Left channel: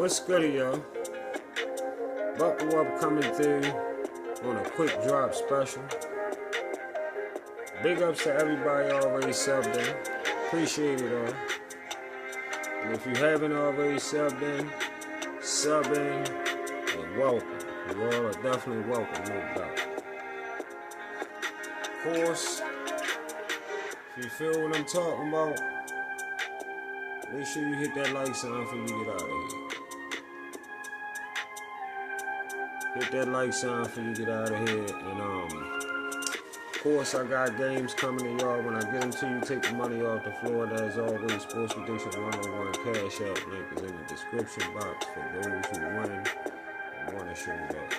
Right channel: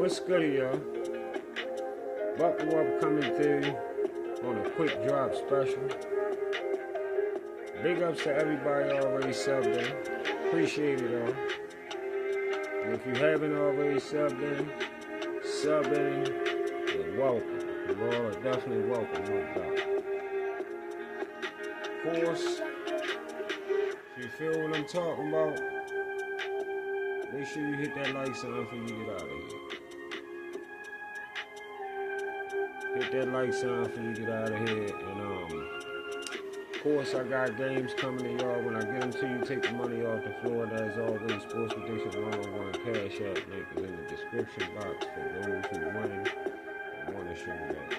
What's good, y'all? Buckle up, coming through on a quick drop special. Big ups to everybody already subbed in. Appreciate it all. And if you haven't already subbed in, sub in and welcome. You all are definitely welcome, no doubt. Of course, if you feel what I'm talking about, make sure you hit that like sign before you get out of here. Hit that like sign before you get out of here. And of course, I got games coming to y'all. When I get them to you, take the money off the floor. As always, Sports Prediction 101 Cash App link is in the description box for those who win and want to show love.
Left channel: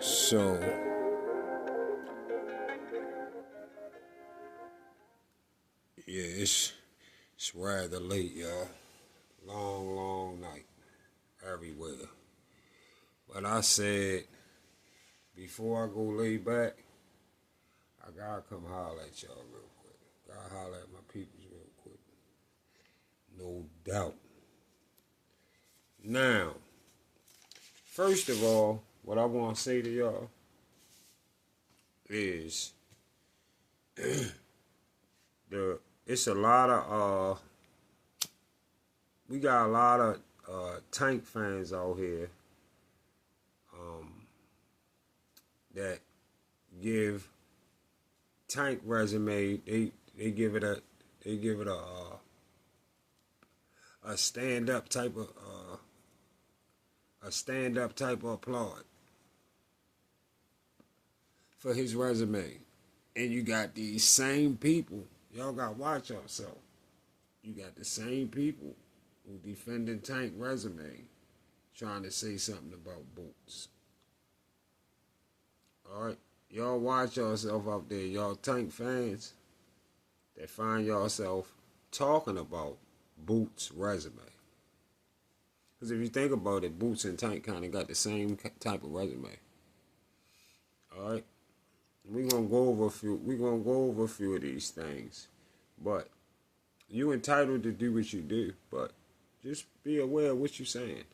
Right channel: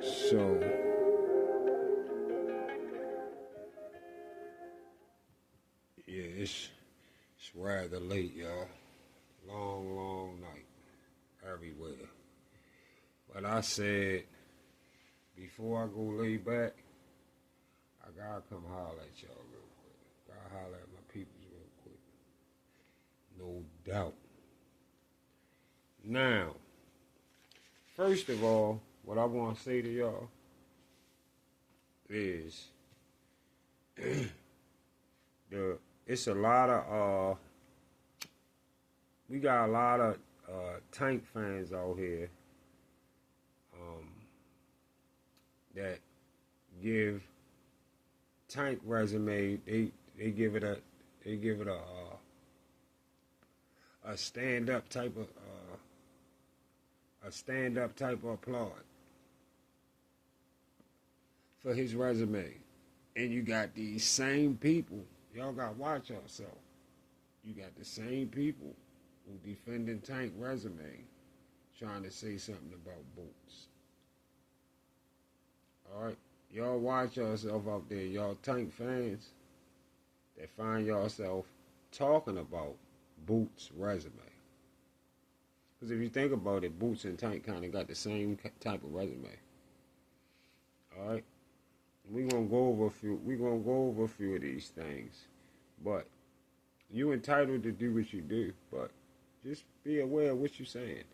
So, yeah, it's rather late, y'all. Long night everywhere. But I said, before I go lay back, I gotta come holler at y'all real quick. Gotta holler at my peoples real quick. No doubt. Now, first of all, what I want to say to y'all is it's a lot of we got a lot of Tank fans out here that give Tank resume, they give it a stand up type of applaud for his resume. And you got these same people, y'all got to watch yourself. You got the same people who defending Tank resume trying to say something about Boots. Alright? Y'all watch yourself out there, y'all Tank fans that find yourself talking about Boots' resume. Because if you think about it, Boots and Tank kind of got the same type of resume. Alright? We're gonna go over a few of these things. But you're entitled to do what you do, but just be aware of what you're saying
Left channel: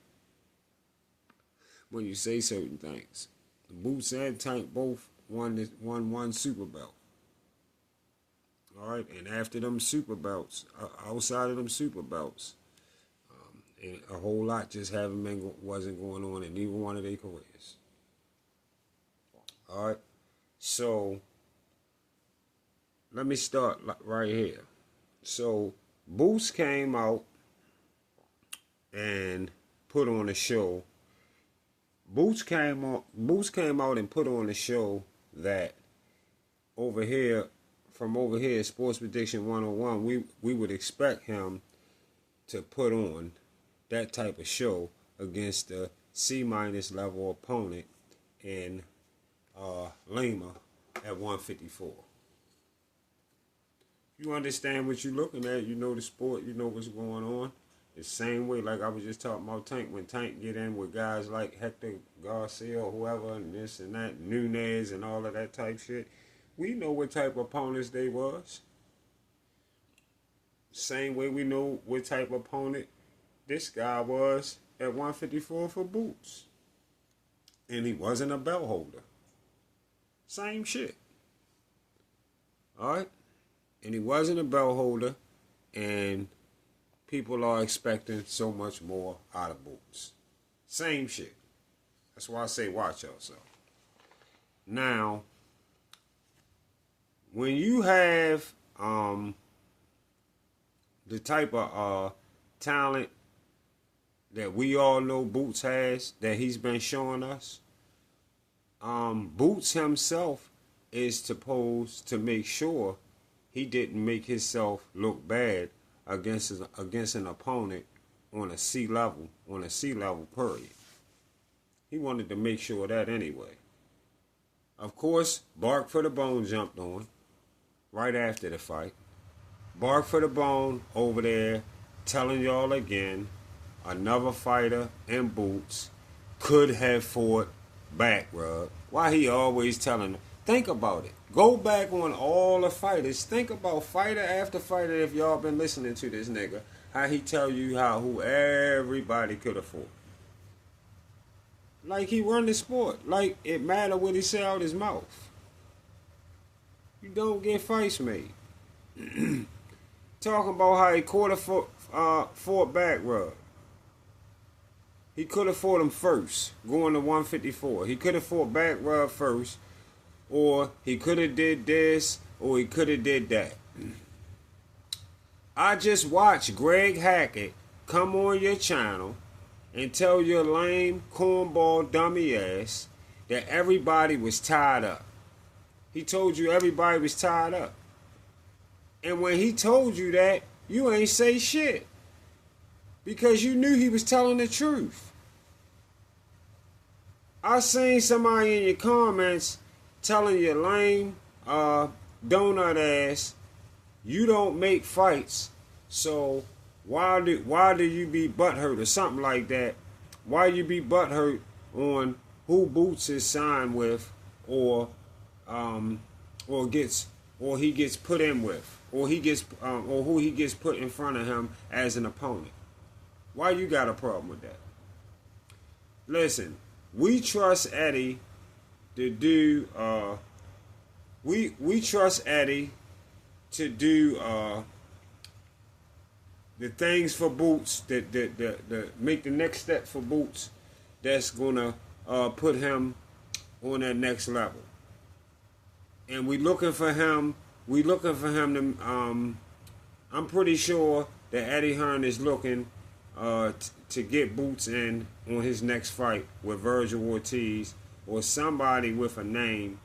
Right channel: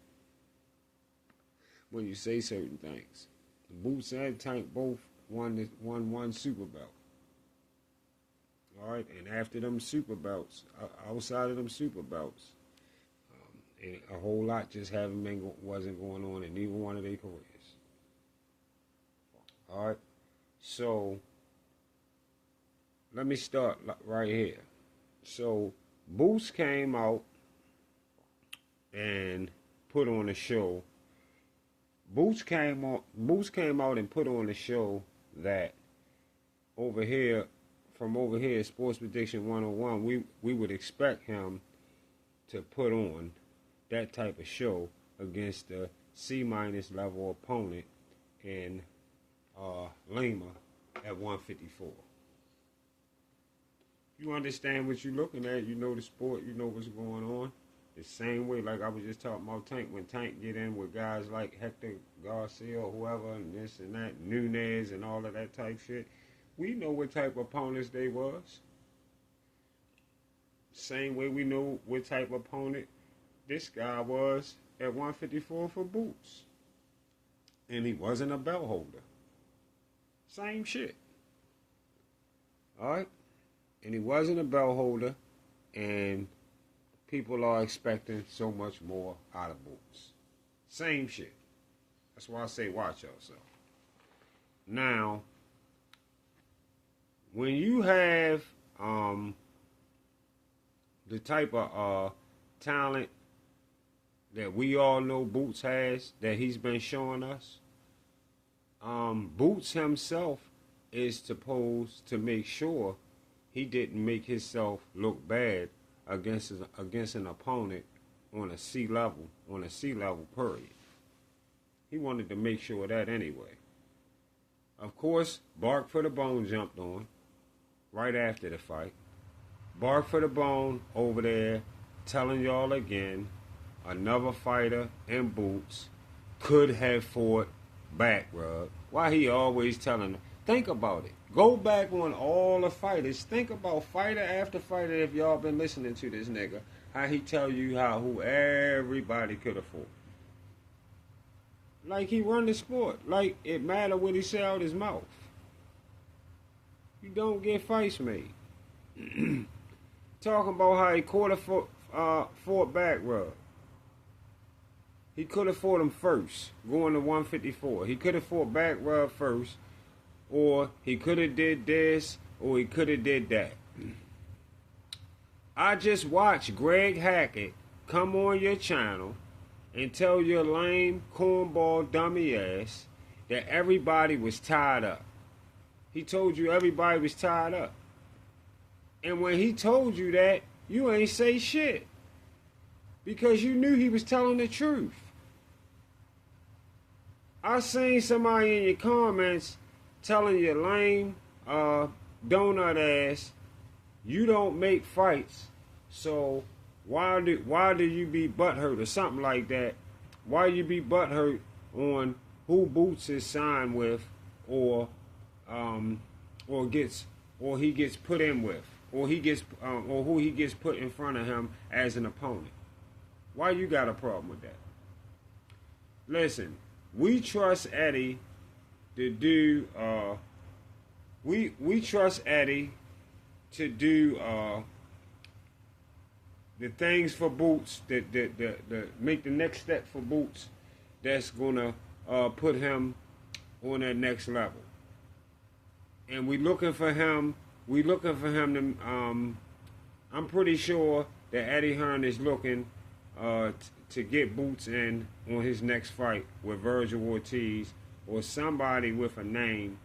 when you say certain things. Boots and Tank both won one super belt. All right, and after them super belts, outside of them super belts, and a whole lot just wasn't going on in neither one of their careers. All right, so let me start right here. So Boots came out and put on a show. Boots came out and put on a show that over here Sports Prediction 101, we would expect him to put on that type of show against the C- level opponent in Lima at 154. You understand what you're looking at, you know the sport, you know what's going on. The same way, like I was just talking about Tank, when Tank get in with guys like Hector Garcia or whoever, and this and that, Nunez and all of that type shit, we know what type of opponents they was. Same way we know what type of opponent this guy was at 154 for Boots. And he wasn't a belt holder. Same shit. Alright? And he wasn't a belt holder, and people are expecting so much more out of Boots. Same shit. That's why I say watch yourself. Now, when you have the type of talent that we all know Boots has, that he's been showing us, Boots himself is supposed to make sure he didn't make himself look bad against an opponent on a C level period. He wanted to make sure of that anyway. Of course, Bark for the Bone jumped on right after the fight. Bark for the Bone over there telling y'all again, another fighter in Boots could have fought back rub. Why he always telling them? Think about it. Go back on all the fighters. Think about fighter after fighter. If y'all been listening to this nigga, how he tell you who everybody could afford. Like he run the sport. Like it matter what he say out his mouth. You don't get fights made. Talking about how he fought back rub. He could have fought him first, going to 154. He could have fought back rub first, or he could have did this, or he could have did that. I just watched Greg Hackett come on your channel and tell your lame, cornball, dummy ass that everybody was tied up. He told you everybody was tied up. And when he told you that, you ain't say shit. Because you knew he was telling the truth. I seen somebody in your comments telling you lame, donut ass, you don't make fights, so why do you be butthurt or something like that? Why you be butthurt on who Boots is signed with, or he gets put in with, or who he gets put in front of him as an opponent? Why you got a problem with that? Listen, we trust Eddie to do. We trust Eddie to do the things for Boots that make the next step for Boots. That's gonna put him on that next level. And we looking for him. We looking for him to. I'm pretty sure that Eddie Hearn is looking to get Boots in on his next fight with Virgil Ortiz or somebody with a name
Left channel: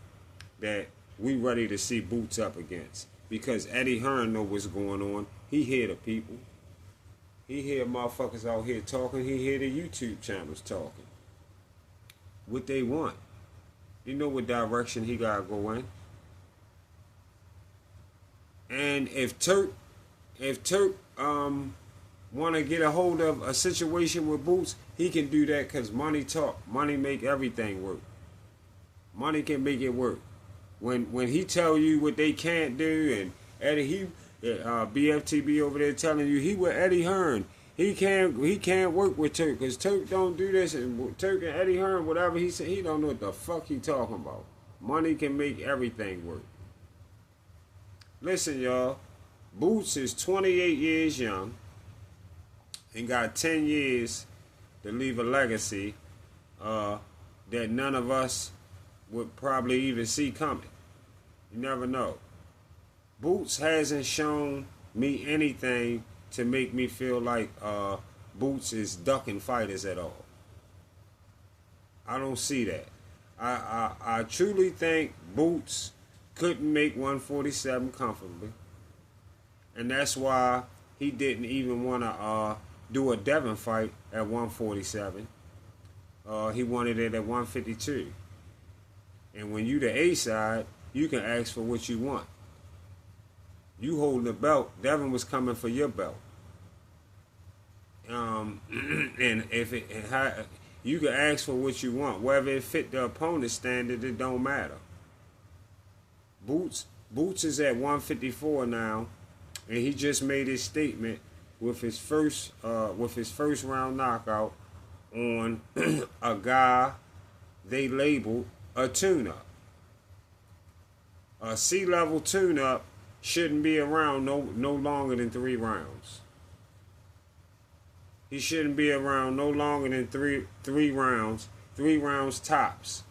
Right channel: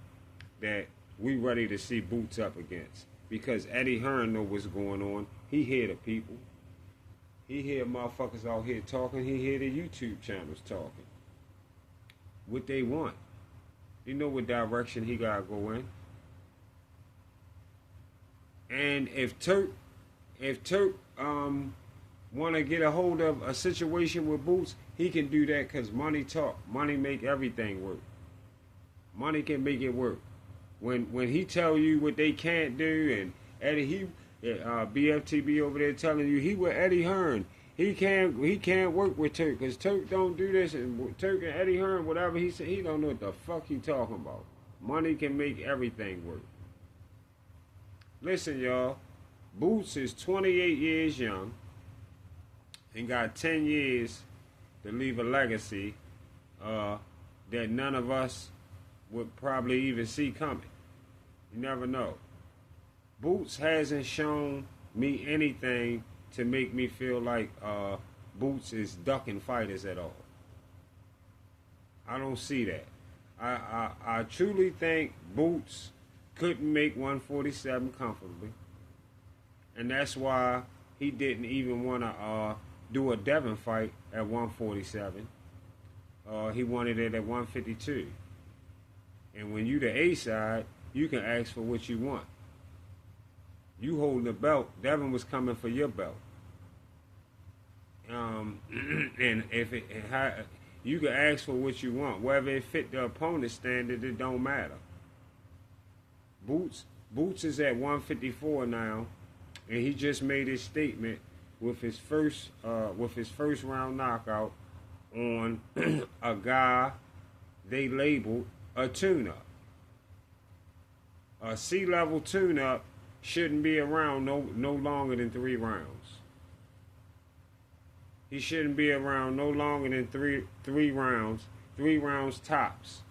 that we ready to see Boots up against. Because Eddie Hearn know what's going on. He hear the people. He hear motherfuckers out here talking. He hear the YouTube channels talking. What they want. You know what direction he gotta go in. And if Turk want to get a hold of a situation with Boots, he can do that because money talk. Money make everything work. Money can make it work. When he tell you what they can't do, and Eddie, BFTB over there telling you he with Eddie Hearn, he can't work with Turk because Turk don't do this, and Turk and Eddie Hearn, whatever he said, he don't know what the fuck he talking about. Money can make everything work. Listen, y'all, Boots is 28 years young and got 10 years to leave a legacy that none of us would probably even see coming. You never know. Boots hasn't shown me anything to make me feel like Boots is ducking fighters at all. I don't see that. I truly think Boots couldn't make 147 comfortably. And that's why he didn't even want to do a Devin fight at 147. He wanted it at 152. And when you the A side, you can ask for what you want. You holding the belt, Devin was coming for your belt. And if you can ask for what you want, whether it fit the opponent's standard, it don't matter. Boots is at 154 now, and he just made his statement with his first round knockout on a guy they labeled a tune-up. A C-level tune-up shouldn't be around no longer than 3 rounds. He shouldn't be around no longer than three rounds tops.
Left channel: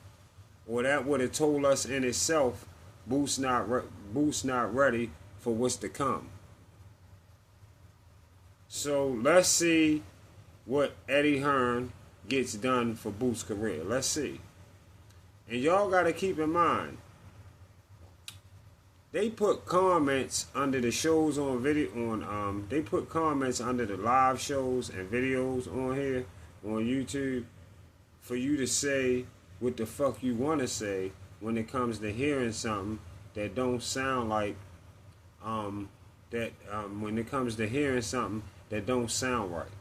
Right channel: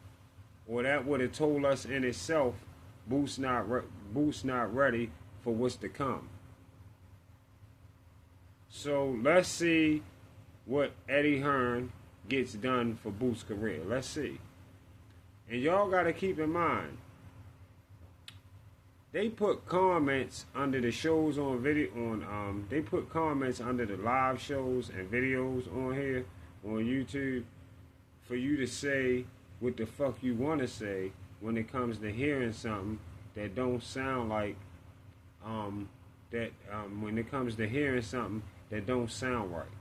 Or that would have told us in itself, Boots not ready for what's to come. So let's see what Eddie Hearn gets done for Boots' career. Let's see. And y'all got to keep in mind, they put comments under the shows on video they put comments under the live shows and videos on here on YouTube for you to say what the fuck you want to say when it comes to hearing something that don't sound like when it comes to hearing something that don't sound right.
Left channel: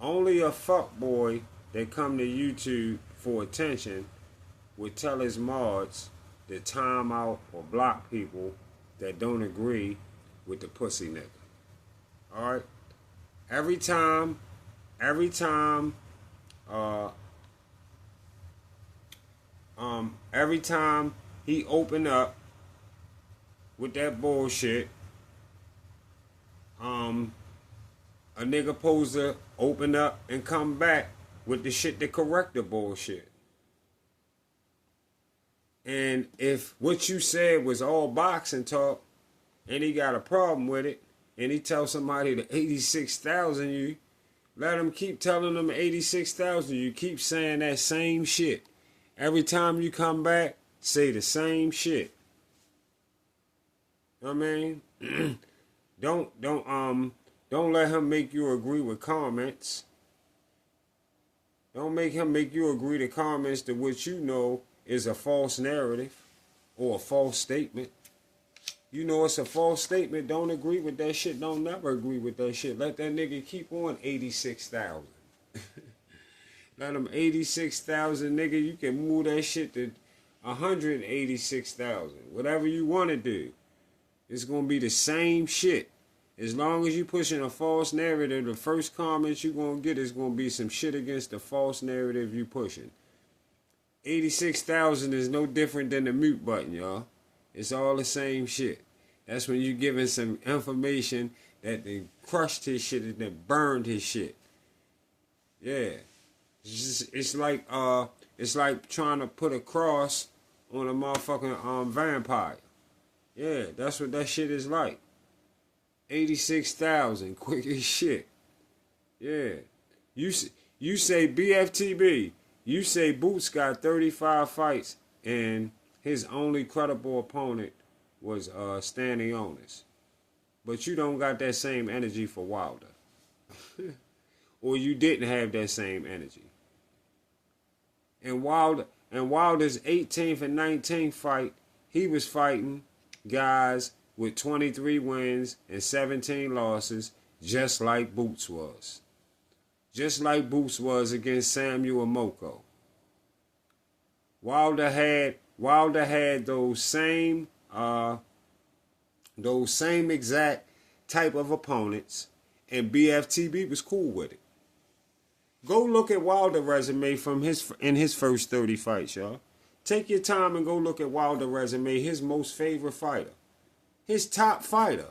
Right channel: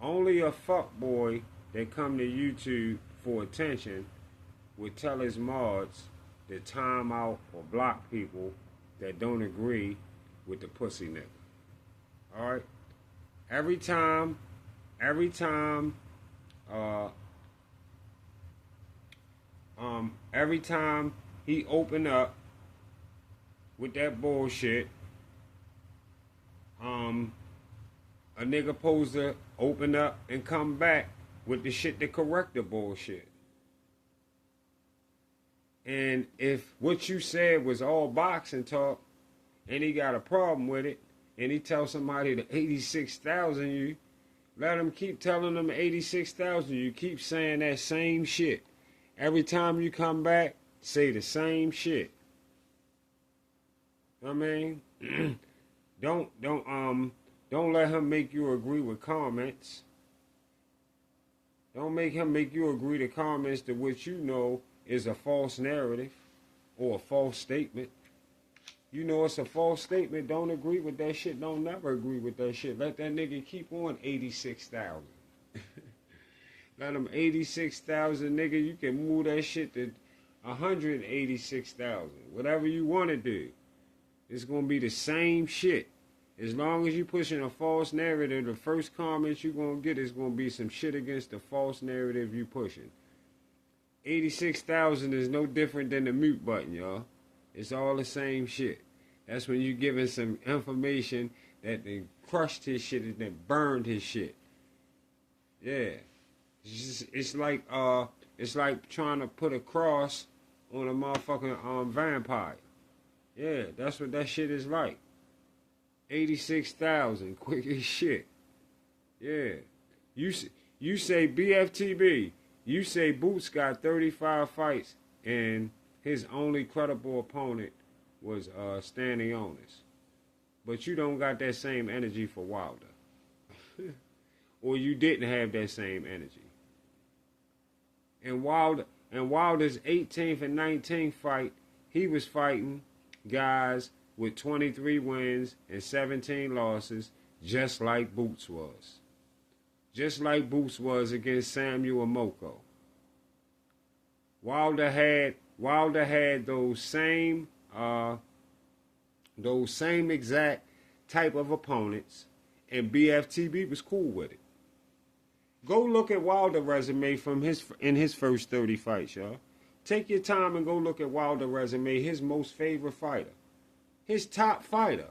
Only a fuckboy that come to YouTube for attention would tell his mods to time out or block people that don't agree with the pussy nigga. All right. Every time, uh, every time he open up with that bullshit, a nigga supposed to open up and come back with the shit to correct the bullshit. And if what you said was all boxing talk, and he got a problem with it, and he tells somebody the 86,000 you, let him keep telling them 86,000. You keep saying that same shit. Every time you come back, say the same shit. I mean, don't let him make you agree with comments. Don't make him make you agree to comments to which you know is a false narrative or a false statement. You know it's a false statement. Don't agree with that shit. Don't never agree with that shit. Let that nigga keep on 86,000. Let him 86,000, nigga. You can move that shit to 186,000. Whatever you want to do. It's going to be the same shit. As long as you pushing a false narrative, the first comments you're going to get is going to be some shit against the false narrative you pushing. 86,000 is no different than the mute button, y'all. It's all the same shit. That's when you giving some information that they crushed his shit and then burned his shit. Yeah. It's like trying to put a cross on a motherfucking vampire. Yeah, that's what that shit is like. 86,000, quick as shit. Yeah. You say BFTB. You say Boots got 35 fights and his only credible opponent was Stanley Ennis. But you don't got that same energy for Wilder. Or you didn't have that same energy. And Wilder's 18th and 19th fight, he was fighting guys with 23 wins and 17 losses, just like Boots was. Just like Boots was against Samuel Moko. Wilder had those same exact type of opponents, and BFTB was cool with it. Go look at Wilder's resume in his first 30 fights, y'all. Take your time and go look at Wilder's resume, his most favorite fighter. His top fighter.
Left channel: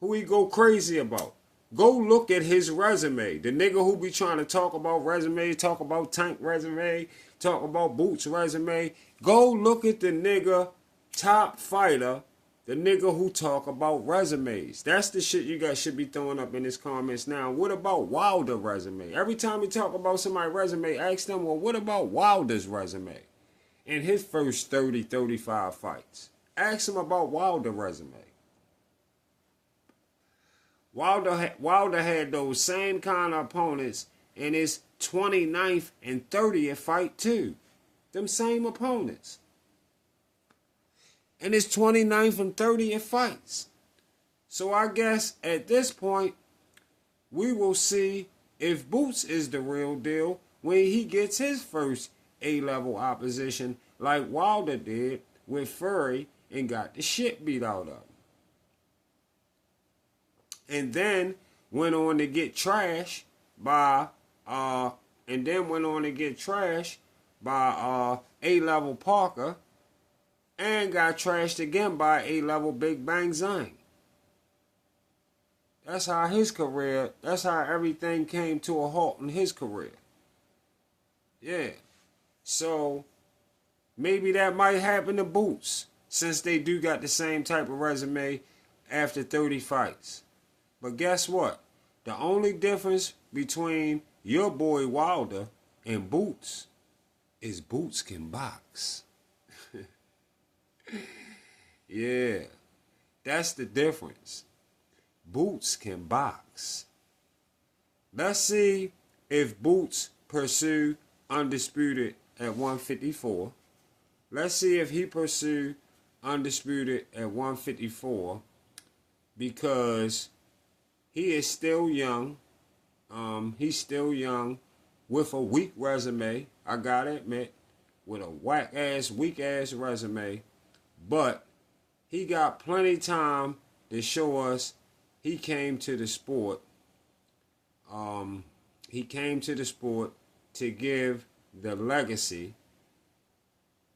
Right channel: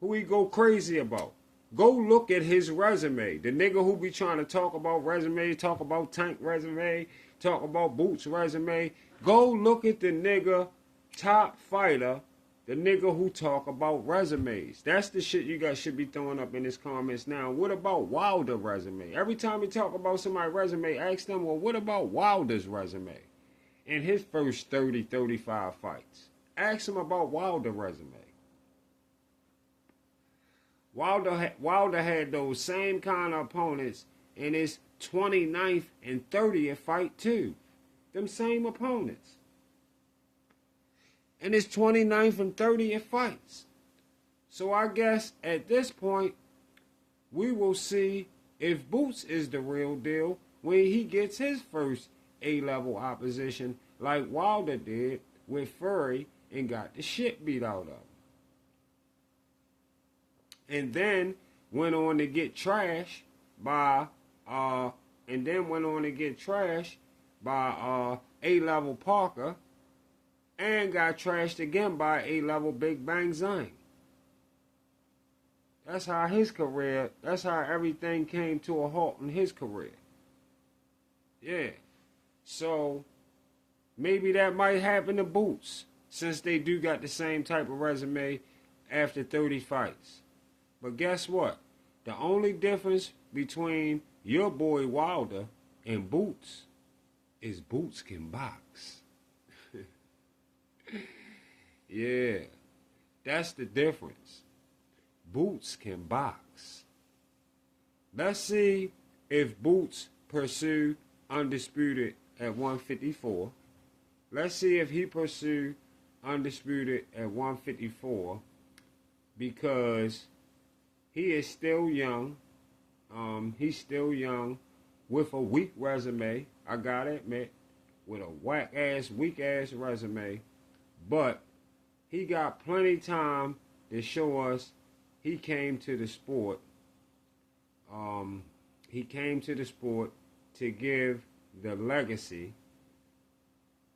Who he go crazy about. Go look at his resume. The nigga who be trying to talk about resume, talk about Tank resume, talk about Boots resume. Go look at the nigga top fighter, the nigga who talk about resumes. That's the shit you guys should be throwing up in his comments now. What about Wilder's resume? Every time you talk about somebody's resume, ask them, well, what about Wilder's resume? In his first 30, 35 fights. Ask him about Wilder's resume. Wilder had those same kind of opponents in his 29th and 30th fight too. Them same opponents. In his 29th and 30th fights. So I guess at this point, we will see if Boots is the real deal when he gets his first A-level opposition like Wilder did with Fury and got the shit beat out of him. And then went on to get trashed by A-level Parker and got trashed again by A-level Big Bang Zhang. That's how everything came to a halt in his career. Yeah. So maybe that might happen to Boots, since they do got the same type of resume after 30 fights. But guess what? The only difference between your boy Wilder and Boots is Boots can box. Yeah, that's the difference. Boots can box. Let's see if Boots pursue undisputed at 154. Let's see if he pursue undisputed at 154, because he is still young. He's still young with a weak resume, I gotta admit. with a whack ass, weak ass resume, but he got plenty time to show us he came to the sport. He came to the sport to give the legacy,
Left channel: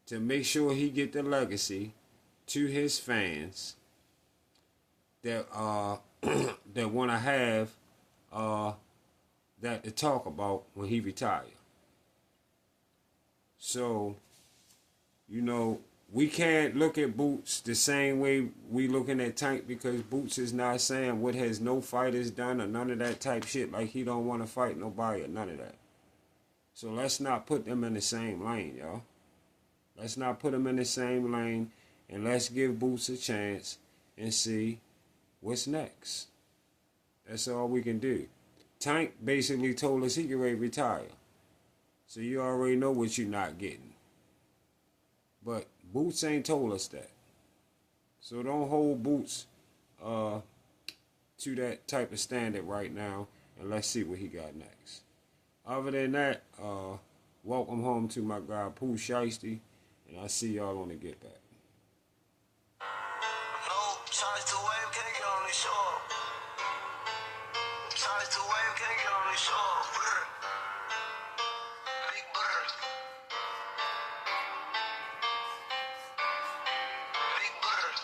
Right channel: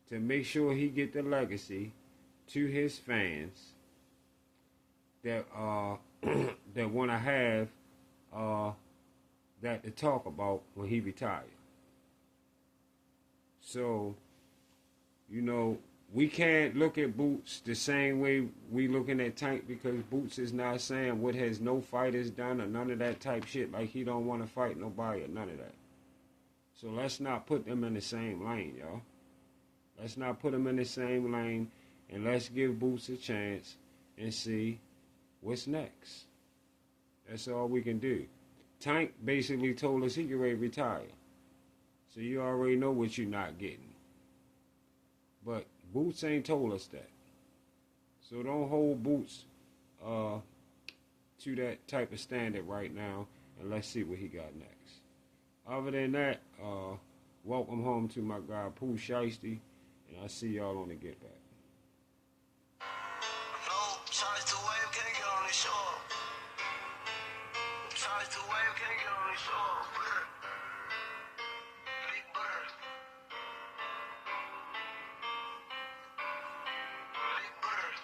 to make sure he get the legacy to his fans that that want to have that to talk about when he retired. So, you know, we can't look at Boots the same way we looking at Tank, because Boots is not saying what has no fighters done or none of that type shit, like he don't want to fight nobody or none of that. So let's not put them in the same lane, y'all. Let's not put them in the same lane, and let's give Boots a chance and see what's next. That's all we can do. Tank basically told us he could ready to retire. So you already know what you're not getting. But Boots ain't told us that. So don't hold Boots to that type of standard right now, and let's see what he got next. Other than that, welcome home to my guy Pooh Shiesty, and I'll see y'all on the Get Back. No, charge the wave, can't get on the shore. Charge the wave, can't get on the shore. Big bird. Big bird.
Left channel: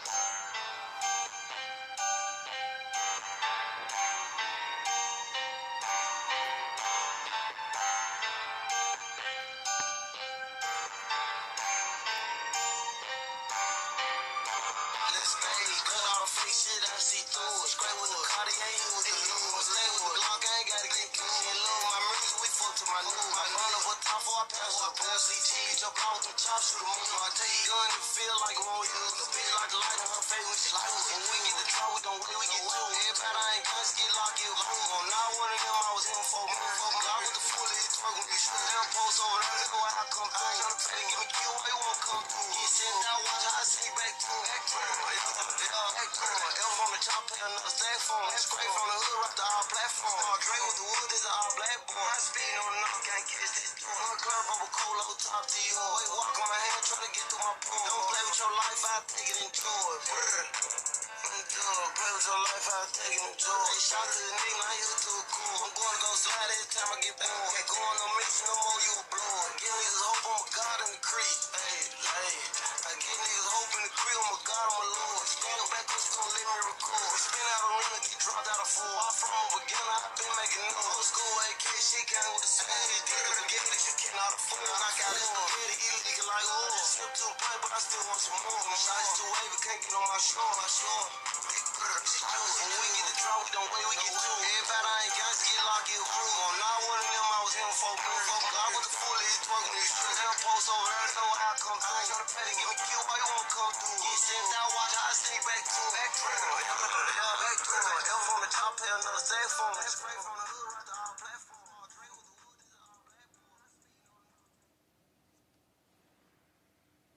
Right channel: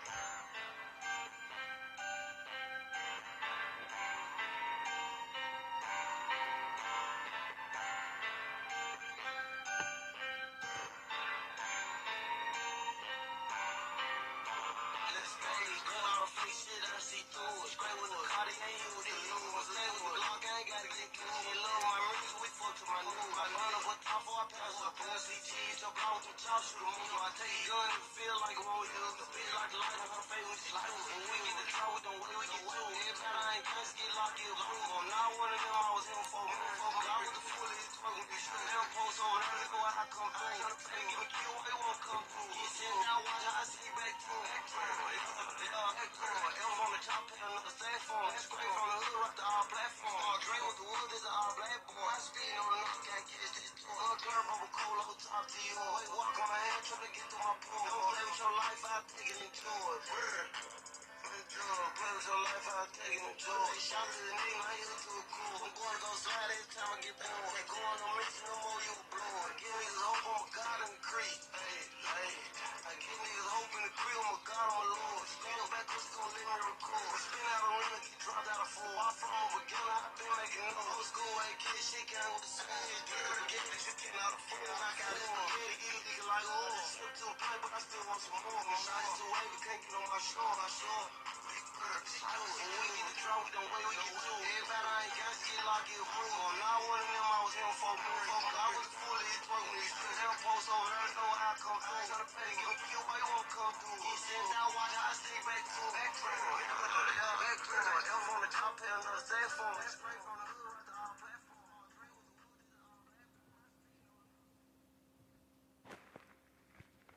Let's stay. Cut all the fake shit, I see through it. Scrape with the Cartier, he was the lose. Lay with the Glock, I ain't gotta get clean. She love my music, we fuck to my new. I run up a top for I pass with a pussy. Cheese, jump out with them chops, shoot a move. I take a gun and feel like it won't use. The bitch like the light on her face when she like it. When we get the draw, we don't wait, we get two. Everybody I ain't guns, get locked, get blue. I'm not one of them, I was him for me. Glock with the fully, it's twerking, you shoot. Them post over there, nigga, why I come through. Tryna pay to give me kill, why you won't come through. He said, now watch how I see back to him. Elf on the top, pay another stack phone. Scrape from the hood, rock the all platform. Dre with the wood, is an all black boy. I speed on the knock, can't catch this door. One club, bubble cold, low top to you. Wait, walk on my hand, try to get through my pool. Don't play with your life, I take it and enjoy it. Play with your life, I take it and enjoy it. They shot to the nigga, now you too cool. I'm going to go slide every time I get bored. Ain't going no mission no more, you a blower. Give niggas hope, I'm a god in the creek. Hey, I give niggas hope in the creek, I'm a god, I'm a lord. Stand up back, cause you gon' let me record. Spin out a rim and get dropped out of four. I'm from a beginner, I've been making noise. Old school AK shit came with the same. Deal with the game that you cannot afford. I got this spaghetti, illegal like oil. Slip to a pipe, but I still want some more. My shots too wavy, can't get on my shore. Big bird, when we get the draw, we don't wait, we get two. Everybody I ain't got to get locked, get room. I'm not one of them, I was him for me. God with the fully, it's twerking these streets. Them post over there, know how I come through. Tryna pay to give me kill, why you won't come through? He said, now watch how I sneak back to him. Back to him. Elf on the top, pay another cell phone. Scrape from the hood, right